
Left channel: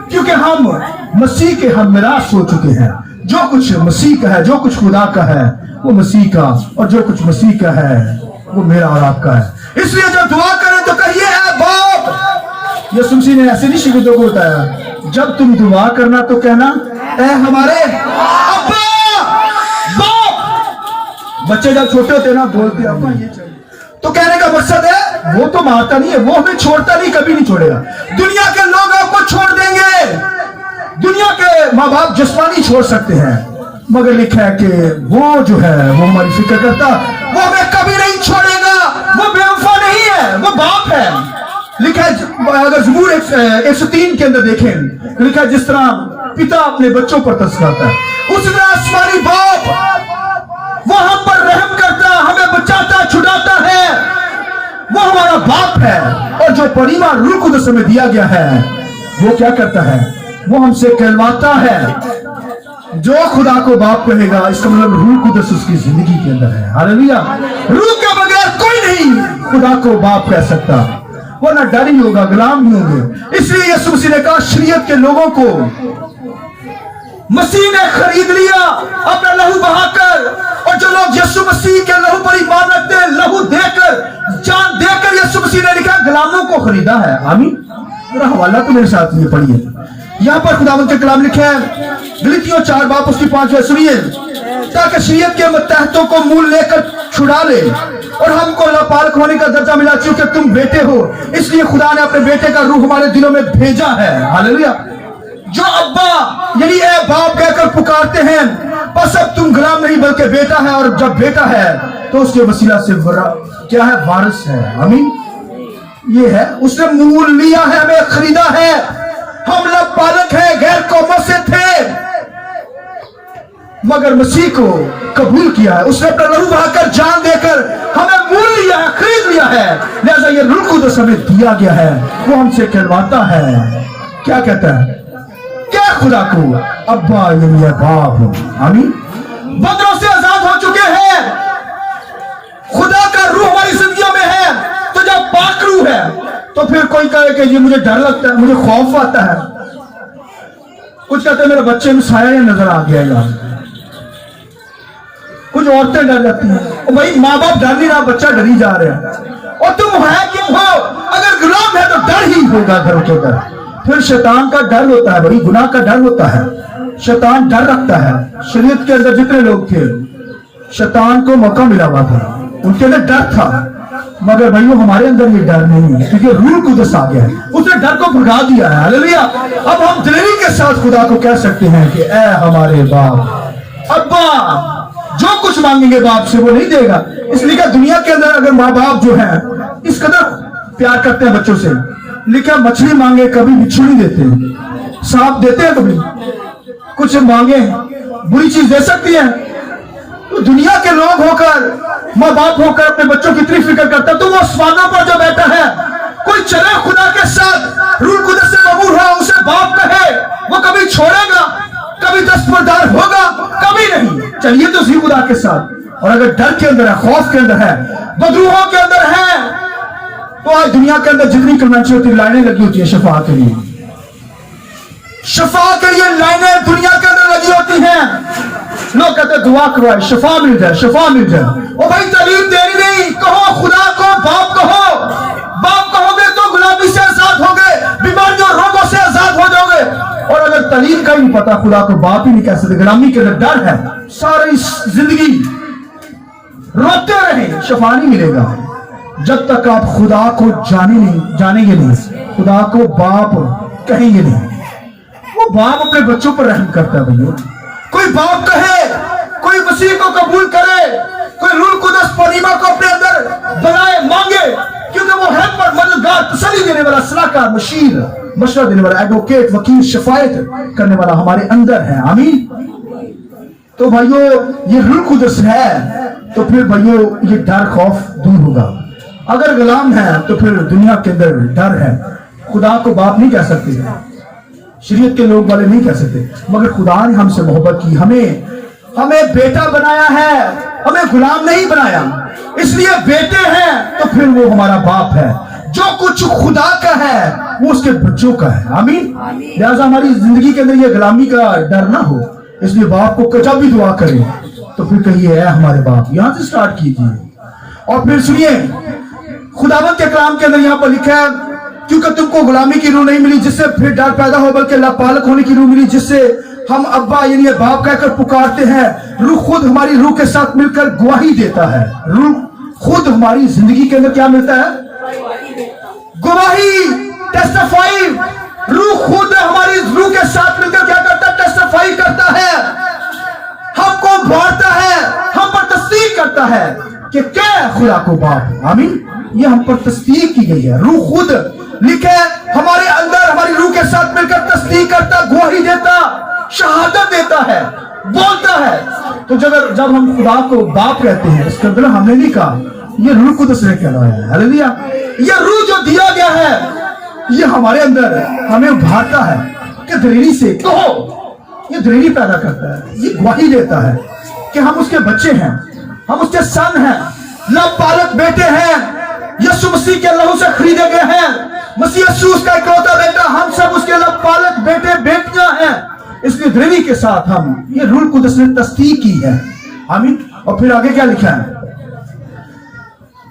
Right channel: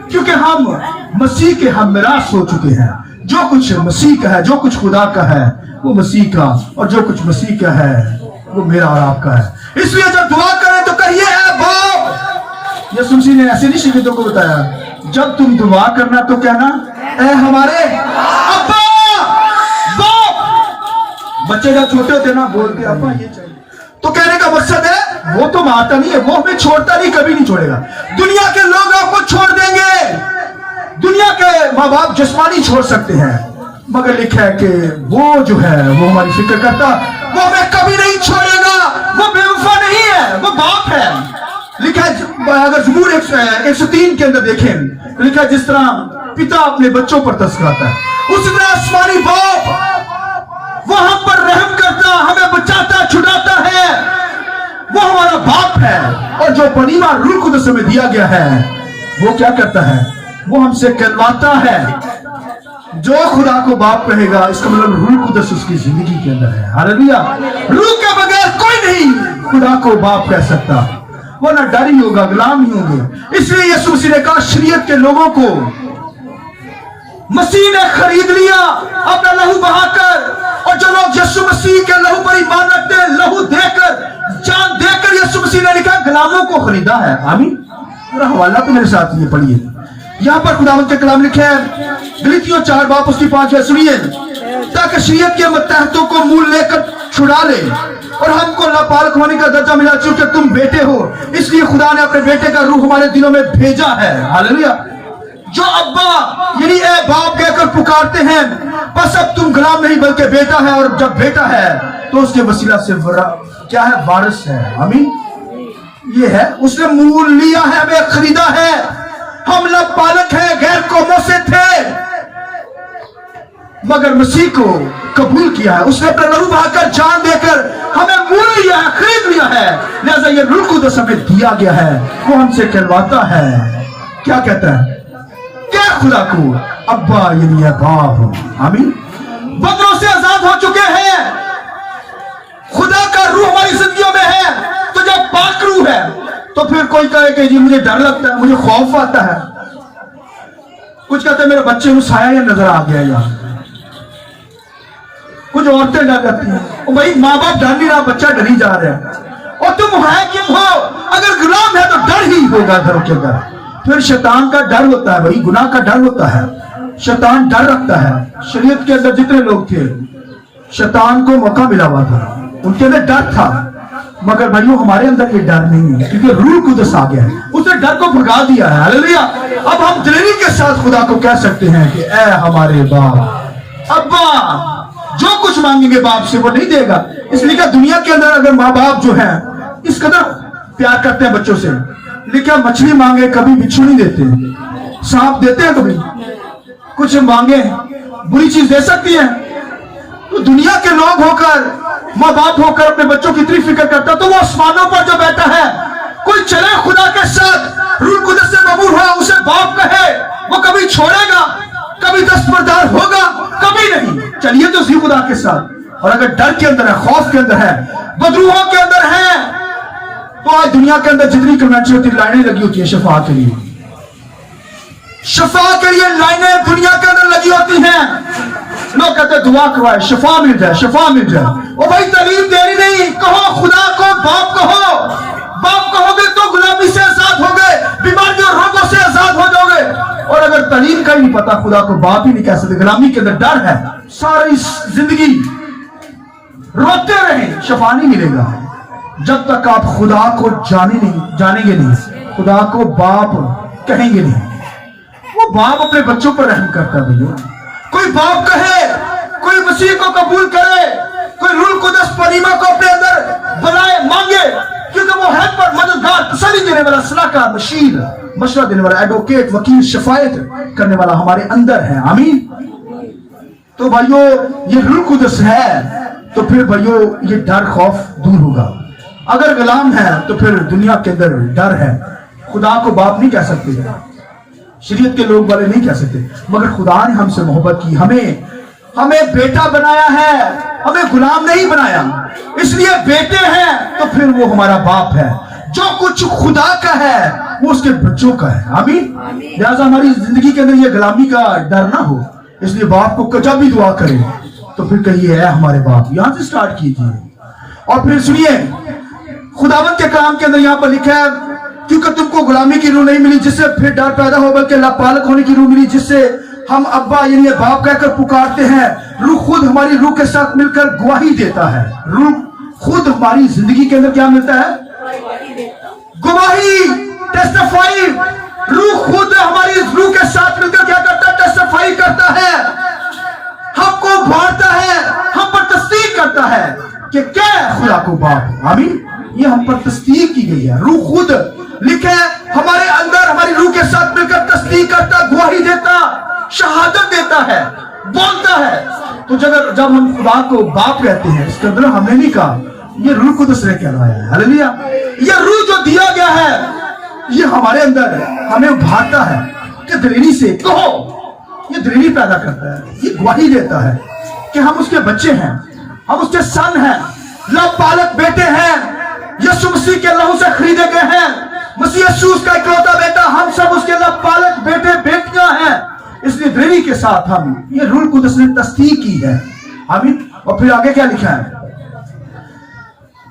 क्योंकि हम मसीह के हम मिरास हो चुके हैं। जो कुछ मसीह का है, जो कुछ खुदा का है वो मसीह का, और जो कुछ मसीह का है वो मेरा और आपका है। इसलिए जब दुआ करें तो कहिए है बाप। यीशु मसीह ने ऐसे नहीं शिगिर्दों को बताया, जब तुम दुआ करना तो कहना ए हमारे अब्बा बाप। बच्चे जब छोटे होते हैं ना, बोलते अब्बा ये चाहिए, तो कहने का मकसद है वो तो मारता नहीं है, वो हमें छोड़ता नहीं, कभी नहीं छोड़ेगा। दुनिया के लोग आपको छोड़ देंगे, दुनिया के माँ बाप जिस्मानी छोड़ सकते हैं, मगर लिखा है कि वो जो है वो हमारी फिक्र करता, वो हमें कभी नहीं छोड़ेगा। वो बेवफा नहीं है, वो बाप है। लिखा है, अगर ज़बूर 103 के अंदर देखें, लिखा है जिस तरह पिता अपने बच्चों पर तरस खाता है, उसी तरह आसमानी बाप वो हम पर रहम करता, हमें बचाता, छुड़ाता है। वो हमारा बाप है। और जो परिवार रूह कुदस में दिया गया है वो क्या करता है? वो हमसे कहलवाता है। जो खुदा को बाप कहेगा, इसका मतलब रूह कुदस उसकी जिंदगी के अंदर है। हालेलुया। रूह के बगैर कोई नहीं खुदा को बाप कह सकता, वरना डर ही होगा, गुलाम ही होंगे। इसलिए यीशु मसीह ने कहा, शरीयत के लोगों को मसीह ने खरीद लिया अपना लहू बहाकर। और जो लोग यीशु मसीह के लहू पर ईमान रखते हैं, लहू देकर, जान देकर, यीशु मसीह ने लिखा गुलामों को खरीदा है। आमीन। पूरा हवाला तो मेरे साथ ये पढ़िए, यहाँ पर खुदावंद के कलाम लिखे हैं, गलीतियों 4 बाप उसकी 5 सुनिए, ताकि शरीयत के मतहतों को मूल लेकर छुड़ा ले और हमको लापालक होने का दर्जा मिला, चूंकि तुम बेटे हो, इसलिए खुदा ने अपने बेटे का रूह हमारे दिलों में भेजा है। हालेलुया। जो अब्बा यानी ए बाप कहकर पुकारते हैं, बस अब तुम गुलाम नहीं बल्कि बेटा है, और जब बेटा है तो उसके वसीला से क्या है? वारिस है। आमीन। ये है, उसने मूल लिया है, हमें खरीदा है। हम लापालक हैं, गैर कौमों से थे, मगर मसीह को कबूल किया है। उसने अपना लहू बहाकर, जान देकर हमें मूल लिया है, खरीद लिया है। लिहाजा ये रूह कुदस हमें दिया गया है, वो हमसे कहलवाता है। क्या कहता है? क्या खुदा को अब्बा यानी बाप हो। आमीन। बंदरों से आजाद हो चुके हैं, खुदा का रूह हमारी जिंदगियों में है। तो जब पाक रूह है तो फिर कोई कहे कि जी मुझे डर लगता है, मुझे खौफ आता है, कुछ कहते हैं मेरे बच्चे में साया नजर आ गया यार, कुछ औरतें डर जाती हैं। भाई माँ बाप डर नहीं रहा, बच्चा डरी जा रहा है। और तुम है क्यों हो? अगर गुलाम है तो डर ही होगा घरों के अंदर। फिर शैतान का डर होता है, भाई गुनाह का डर होता है, शैतान डर रखता है। शरीयत के अंदर जितने लोग थे, शैतान को मौका मिला हुआ था, उनके अंदर डर था, मगर भाइयों हमारे अंदर ये डर नहीं है, क्योंकि रूह कुदस आ गया है, उसने डर को भगा दिया है। हालेलुया। अब हम दिलेरी के साथ खुदा को कह सकते हैं कि ए हमारे बाप, अब्बा। जो कुछ मांगेंगे बाप से वो नहीं देगा। इसलिए कि दुनिया के अंदर अगर माँ बाप जो है इस कदर प्यार करते हैं बच्चों से, लेकिन मछली मांगे कभी बिच्छू नहीं देते, सांप देते हैं कभी, कुछ मांगे बुरी चीज दे सकती है। तो दुनिया के लोग होकर, माँ बाप होकर अपने बच्चों की इतनी फिक्र करता, तो वो आसमानों पर जो बैठा है, कोई चले खुदा के साथ, रूह कुदस से मबूर हो, उसे बाप कहे, वो कभी छोड़ेगा? दस्तबरदार होगा? कभी नहीं। चलिए तो सही खुदा के साथ। और अगर डर के अंदर है, खौफ के अंदर है, बदरूहों के अंदर है, तो आज दुनिया के अंदर जितनी कन्वेंशन होती है, लाइनें लगी होती है शफा के लिए। शफा के लिए लाइनें दुनिया के अंदर लगी होती हैं। लोग कहते हैं दुआ करवाए, शफा मिल जाए, शफा मिल जाए। ओ भाई तालीम देरी नहीं, कहो खुदा को बाप कहो। बाप कहोगे तो गुलामी से आजाद होगे, बीमारियों रोगों से आजाद हो जाओगे। और अगर तालीम का ही नहीं पता, खुदा को बाप ही नहीं कह सकते, गुलामी के अंदर डर है, सारी जिंदगी रोते रहे, शफा नहीं मिलेगा। जब तक आप खुदा को जानेंगे नहीं, खुदा को बाप कहेंगे नहीं। वो बाप अपने बच्चों पर रहम करता है भैया। कोई बाप कहे, कोई मसीह को कबूल करे, कोई रूह कुदस परीमा को अपने अंदर बुलाए, मांगे, क्योंकि वो हेल्पर, मददगार, तसल्ली देने वाला, सलाहकार, मशीर, मशवरा देने वाला, एडवोकेट, वकील, शफायत करने वाला हमारे अंदर है। आमीन। तो भाइयों ये रूह कुदस है, तो फिर भाइयों ये डर खौफ दूर होगा। अगर गुलाम है तो फिर दुनिया के अंदर डर है। खुदा को बाप नहीं कह सकते, शरीयत के लोग वाले नहीं कह सकते, मगर खुदा ने हमसे मोहब्बत की, हमें बेटा बनाया है, हमें गुलाम नहीं बनाया, इसलिए बेटे हैं, तो फिर वो हमारा बाप है। जो कुछ खुदा का है वो उसके बच्चों का है। आमीन। लिहाजा हमारी जिंदगी के अंदर ये गुलामी का डर ना हो, इसलिए बाप को जब भी दुआ करें तो फिर कहिए है हमारे बाप, यहां से स्टार्ट कीजिए। और फिर सुनिए खुदावंद के कलाम के अंदर यहां पर लिखा है, क्योंकि तुमको गुलामी की रूह नहीं मिली जिससे फिर डर पैदा हो, बल्कि लापालक होने की रूह मिली जिससे हम अब्बा यानी बाप कहकर पुकारते हैं। रूह खुद हमारी रूह के साथ मिलकर गवाही देता है। रूह खुद हमारी जिंदगी के अंदर क्या मिलता है? गवाही, टेस्टिफाई। रूह खुद हमारी रूह के साथ मिलकर क्या करता है? टेस्टिफाई करता है, हमको बांटता है, हम पर तस्दीक करता है कि क्या है खुदा को बाप। आमीन। ये हम पर तस्दीक की गई है। रूह खुद लिखे हमारे अंदर हमारी रूह के साथ मिलकर तस्दीक करता, गवाही देता, शहादत देता है, बोलता है। तो जब हम खुदा को बाप कहते हैं, इसके अंदर हमने नहीं कहा, ये रूह कुदस ने कहलाया है। हालेलुया। ये रूह जो दिया गया है ये हमारे अंदर हमें उभारता है कि दलेरी से कहो, ये दलेरी पैदा करता है, ये गवाही देता है कि हम उसके बच्चे हैं, हम उसके सन हैं, लापालक बेटे हैं, यीशु मसीह के लहू से खरीदे गए हैं, मसीह यीशु उसका इकलौता बेटा, हम सब उसके लापालक बेटे बेटियां हैं। इसलिए दलेरी के साथ हम ये रूह कुदस ने तस्दीक की है। आमीन। और फिर आगे क्या लिखा है?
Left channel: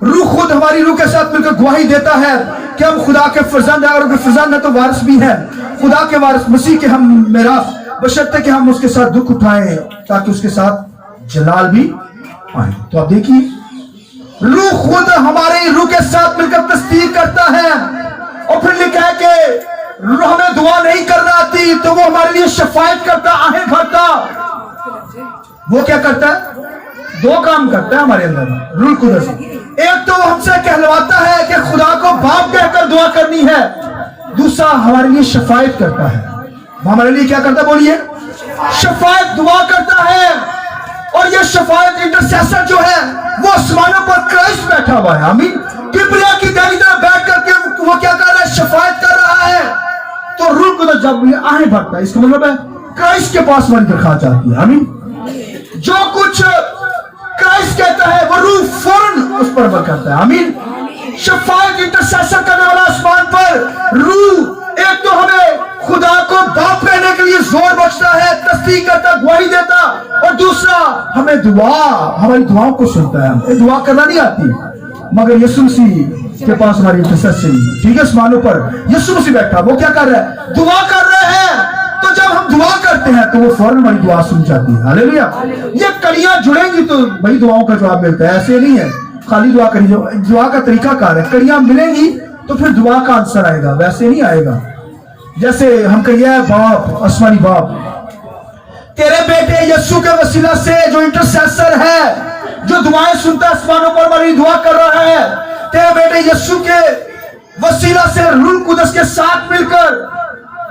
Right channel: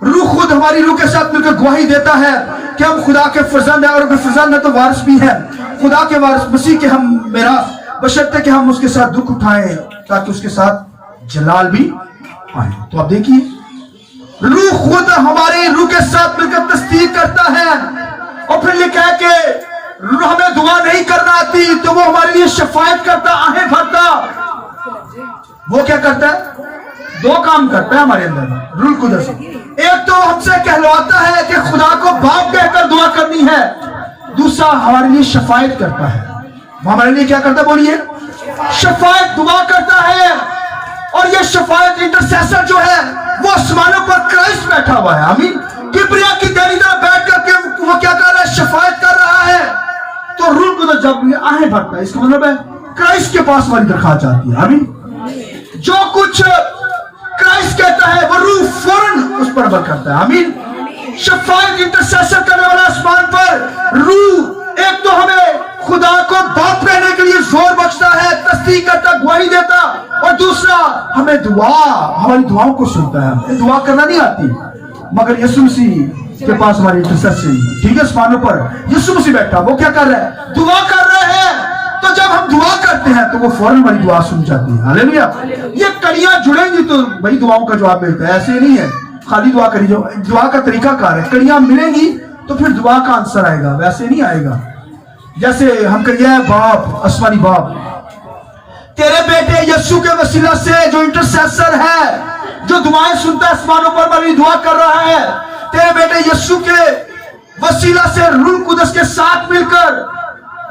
रूह खुद हमारी रूह के साथ मिलकर गवाही देता है कि हम खुदा के फर्जंद हैं, और फर्जंद है तो वारिस भी हैं, खुदा के वारिस, मसीह के हम मेरास, बशर्ते कि हम उसके साथ दुख उठाएं ताकि उसके साथ जलाल भी आए। तो आप देखिए रूह खुद हमारी रूह के साथ मिलकर तस्दीक करता है। और फिर लिखा है कि हमें दुआ नहीं करना आती तो वो हमारे लिए शफायत करता, आहें भरता। वो क्या करता है? दो काम करता है हमारे अंदर रूह कुदस। एक तो हमसे कहलवाता है कि खुदा को बाप कहकर दुआ करनी है, दूसरा हमारे लिए शफायत करता है। हमारे लिए क्या करता है? बोलिए, शफायत, दुआ करता है। और ये शफायत इंटरसेसर जो है वो आसमानों पर क्राइस्ट बैठा हुआ है। आमीन। किबरिया की दाहिनी तरफ बैठ करके वो क्या कर रहा है? शफायत कर रहा है। तो रूह कुदस जब आहें भरता है, इसका मतलब है क्राइस्ट के पास हमारी दरखास्त जाती है। आमीन। जो कुछ क्राइस्ट कहता है वो रूह फौरन उस पर अमल करता है। आमीन। शफायत, इंटरसेसर करने वाला आसमान पर रूह एक तो हमें खुदा को बाप कहने के लिए जोर बचता है, तस्दीक करता, गवाही देता, और दूसरा हमें हमारी दुआओं को सुनता है। दुआ करना नहीं आती, मगर यीशु मसीह के पास हमारी इंटरसेशन, ठीक है, आसमानों पर यीशु मसीह बैठा, वो क्या कर रहा है? दुआ कर रहा है। तो जब हम दुआ करते हैं तो वो फौरन हमारी दुआ सुन जाती है। हालेलुया। ये कड़ियां जुड़ेंगी तो भाई दुआओं का जवाब मिलता है। ऐसे नहीं है खाली दुआ करी, जो दुआ का तरीका कार है, कड़ियां मिलेंगी तो फिर दुआ का आंसर आएगा, वैसे नहीं आएगा। जैसे हम कहिए बाप, आसमानी बाप, तेरे बेटे यीशु के वसीला से जो इंटरसेसर है, जो दुआएं सुनता है, आसमानों पर हमारी दुआ कर रहा है, तेरे बेटे यीशु के वसीला से रूह कुदस के साथ मिलकर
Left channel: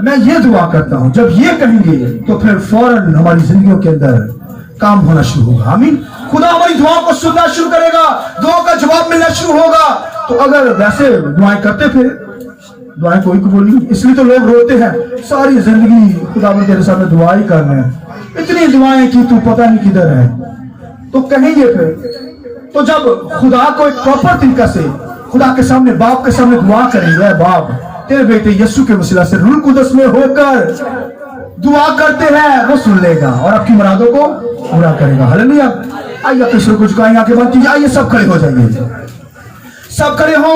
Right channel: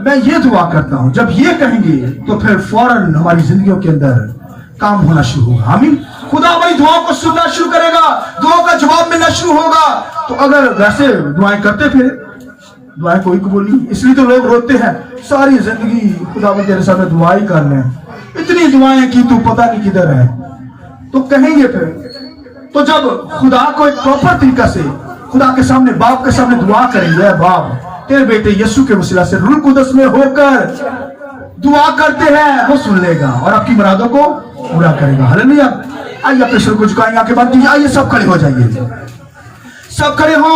मैं ये दुआ करता हूं। जब ये कहेंगे तो फिर फौरन हमारी जिंदगियों के अंदर काम होना शुरू होगा। आमीन। खुदा हमारी दुआओं को सुनना शुरू करेगा, दुआओं का जवाब मिलना शुरू होगा। तो अगर वैसे दुआएं करते फिर दुआएं कोई कबूल नहीं, इसलिए तो लोग रोते हैं सारी जिंदगी खुदा तेरे सामने दुआ ही कर रहे हैं, इतनी दुआएं की, तू पता नहीं किधर है। तो कहेंगे फिर, तो जब खुदा को एक प्रॉपर तरीका से खुदा के सामने, बाप के सामने दुआ करेंगे, बाप तेरे बेटे यीशु के वसीला से रूह कुदस में होकर दुआ करते हैं, वो सुन लेगा और आपकी मुरादों को पूरा करेगा। हालेलुया। आइए अपने सिर को झुकाएंगे, आंखें बंद कीजिए, आइए सब खड़े हो जाइए, सब खड़े हो।